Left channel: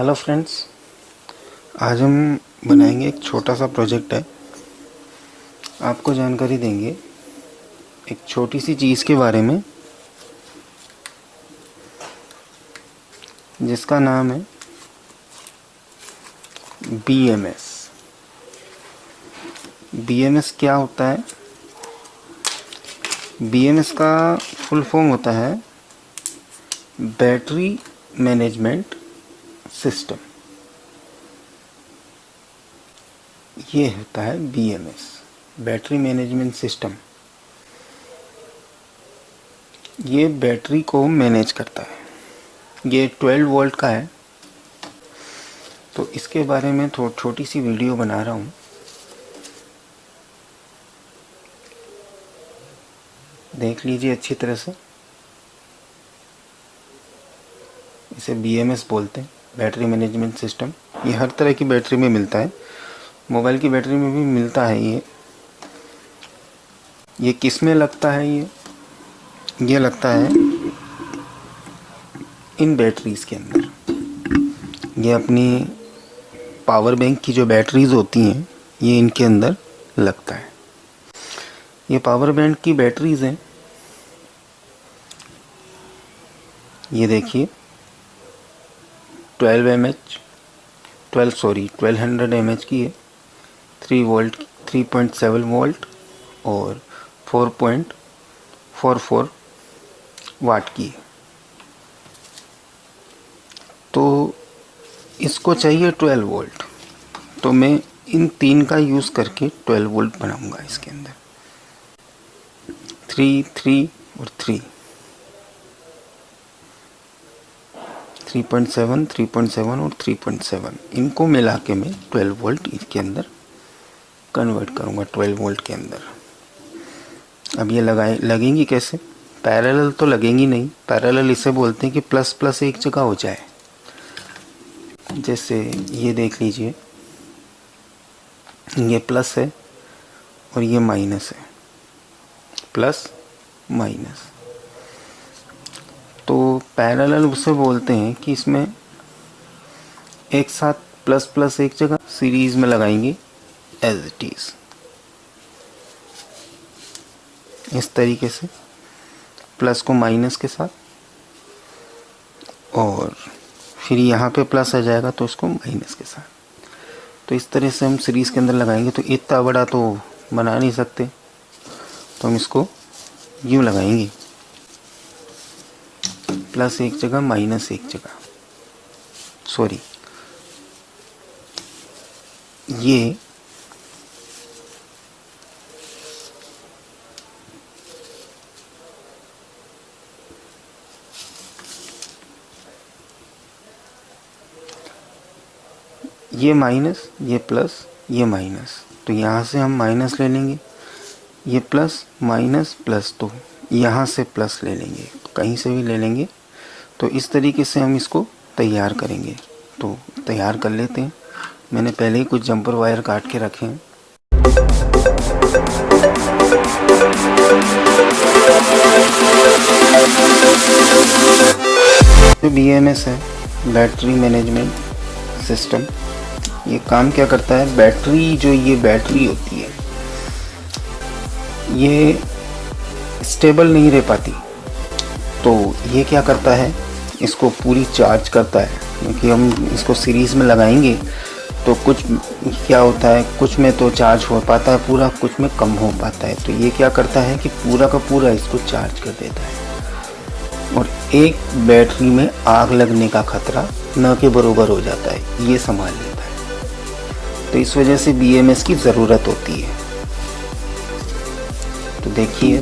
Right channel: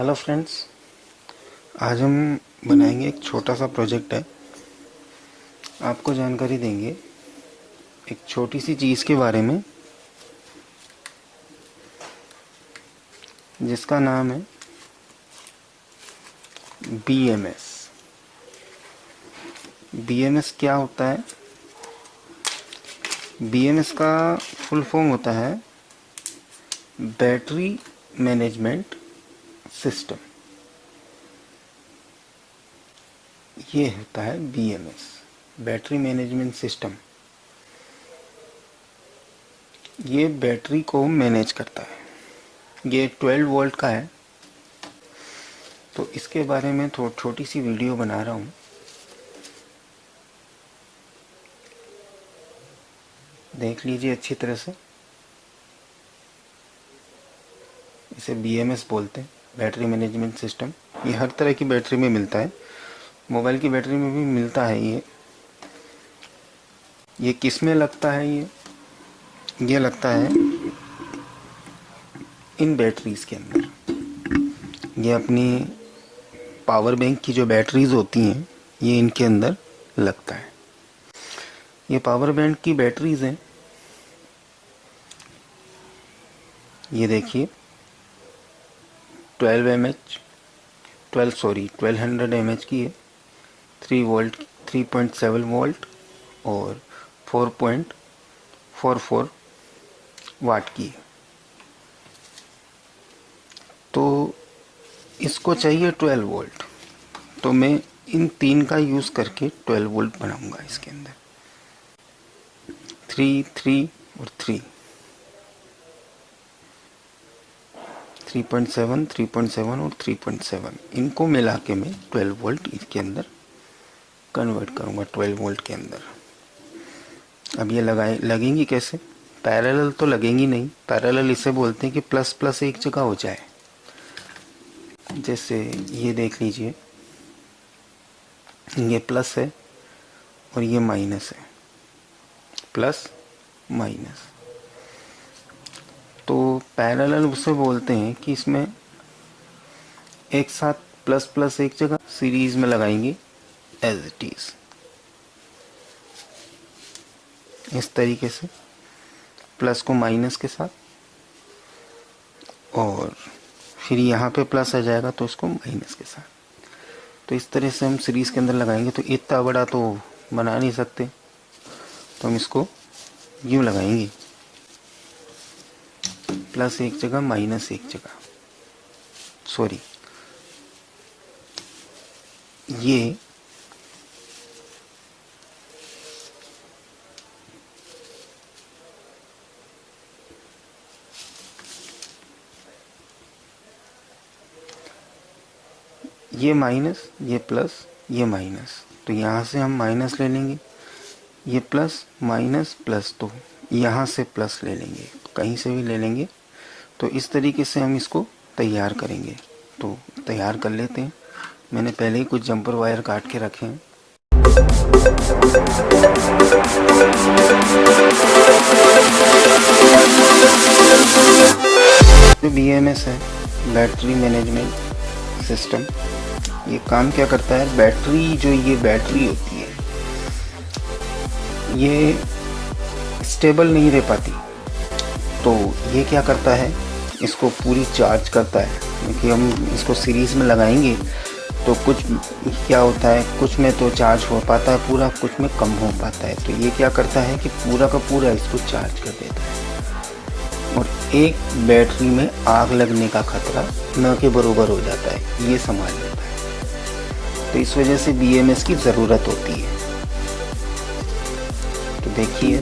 Hello friends, आज हम बनाएंगे एक छोटा सा प्रोजेक्ट है। आपको जानकारी देंगे एक छोटी सी चीज़ के बारे में जिसका नाम है BMS। BMS क्या होता है? BMS का फुल फॉर्म होता है बैटरी मैनेजमेंट सिस्टम। ये होता है BMS, बैटरी मैनेजमेंट सिस्टम। ये बैटरी को मैनेज करता है। ये 12 वोल्ट का है, तो इसके बारे में छोटी सी वीडियो बना रहा हूँ। देख लीजिए अच्छी तरह से। इसे BMS बोलते हैं, बैटरी मैनेजमेंट सिस्टम। ये हर तरह की बैटरी में मिलता है, मोबाइल की बैटरी में भी मिलता है। ये किस में लगता है? ये लगता है इन बैटरीज के अंदर। ये अपनी पावर बैंक की जो बैटरीज होती हैं, ये इनके अंदर लगता है। ये पावर बैंक की बैटरीज हैं। ये देखिए 1200 mAh की है, 3 वोल्ट, 3.7 वोल्ट और 4.44 वाट की है। तो इसको चाहिए 12 वोल्ट, तो मैं इन तीन का यूज़ करके 12 वोल्ट बनाऊंगा। इसके अंदर 3, 3 और 3.7, 3.7 और 3.7, इनको मिला के मैं 12 वोल्ट इसके अंदर कन्वर्ट करूंगा 12 वोल्ट के अंदर। अब ये लगेंगी कैसे? पैरेलल तो लगेंगी नहीं। पैरेलल इसे बोलते हैं कि प्लस प्लस एक जगह हो जाए। जैसे ये देख लीजिए, ये प्लस है और ये माइनस है, प्लस माइनस। तो पैरेलल उसे बोलते हैं कि इसमें एक साथ प्लस प्लस एक जगह सीरीज में लगाएंगे एज इट इज, इस तरीके से प्लस को माइनस के साथ, और फिर यहाँ पे प्लस आ जाएगा तो उसको माइनस के साथ। तो इस तरह से हम सीरीज के अंदर लगाएंगे। तो इतना बड़ा तो बना नहीं सकते, तो हम इसको यूं लगाएंगे, प्लस एक जगह माइनस एक जगह। सॉरी, ये माइनस, ये प्लस, ये माइनस। तो यहाँ से हम माइनस ले लेंगे, ये प्लस माइनस प्लस, तो यहाँ से प्लस ले लेंगे, तो कहीं से भी ले लेंगे। तो इस तरीके से हम इसको तैयार करेंगे। तो तैयार कर लेते हैं। मैंने पहले ही कुछ जंपर वायर काट के रखे हैं। जो BMS है, बैटरी मैनेजमेंट सिस्टम, ये काम क्या करता है? बैटरी, जो ये बैटरी होती है, ये स्टेबल नहीं रह पाती। तो ये क्या करता है? इसको पूरी चार्ज करता है। क्योंकि हम इसको सीरीज में लगाएंगे तो कुछ क्या होता है, कुछ में तो चार्ज हो पाता है पूरा, कुछ में कम हो पाता है। तो ये क्या करता है कि पूरा का पूरा इसको चार्ज कर देता है, और एक बैटरी में आग लगने का खतरा न के बराबर हो जाता है, ये संभाल लेता है। तो इस वजह से BMS की ज़रूरत होती है। तो देखिए